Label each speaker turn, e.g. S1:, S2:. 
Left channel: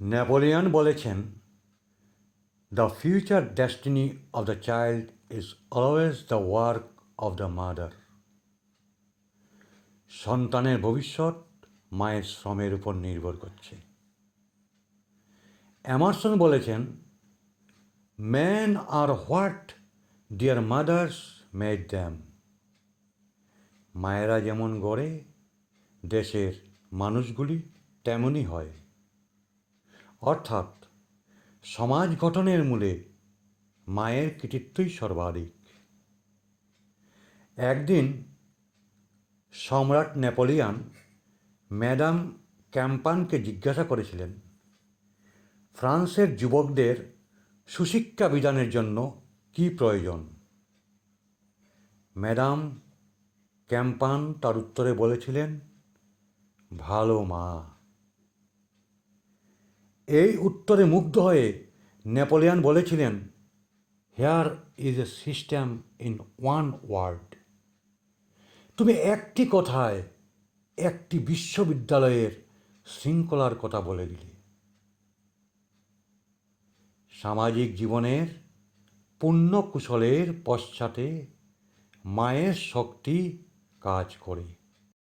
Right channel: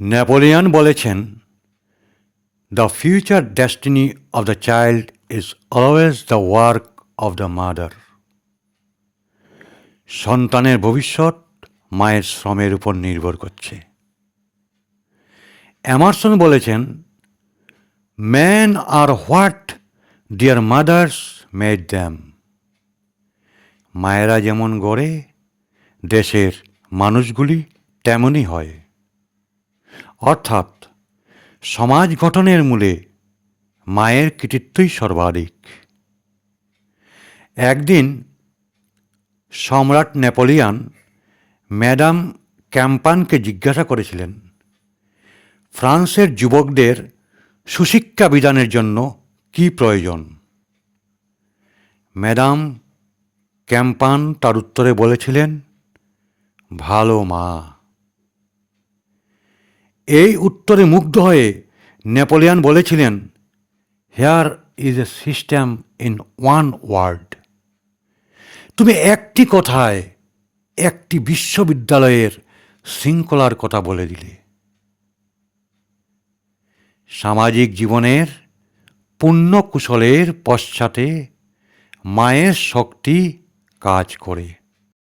S1: Napoleon বলেছেন the future destiny of the child is always the work of the mother সন্তানের ভবিষ্যৎ মায়ের শ্রমের উপর নির্ভর করছে। এমারসন বলেছেন man are what their mothers made them মায়েরা যেমন গড়ে, দেশের মানুষগুলি তেমনই হয়। অর্থাৎ সমাজ গঠনের মূলে মায়ের কৃতিত্বই সর্বাধিক। একদিন সম্রাট নেপোলিয়ান ম্যাডাম ক্যাম্পানকে জিজ্ঞাসা করেছিলেন, ফ্রান্সের যুবকদের সুশিক্ষা বিধানের জন্য কি প্রয়োজন? ম্যাডাম ক্যাম্পান তার উত্তরে বলেছিলেন, ভালো মা। এই উত্তরে মুগ্ধ হয়ে নেপোলিয়ান বলেছিলেন here is a system in one word তুমি একটি কথায় একটি বিশ্ববিদ্যালয়ের শৃঙ্খলার কথা বলে দিলে। সামাজিক জীবনের পুণ্য কুশলের পশ্চাতে মায়ের শক্তি কাজ করে।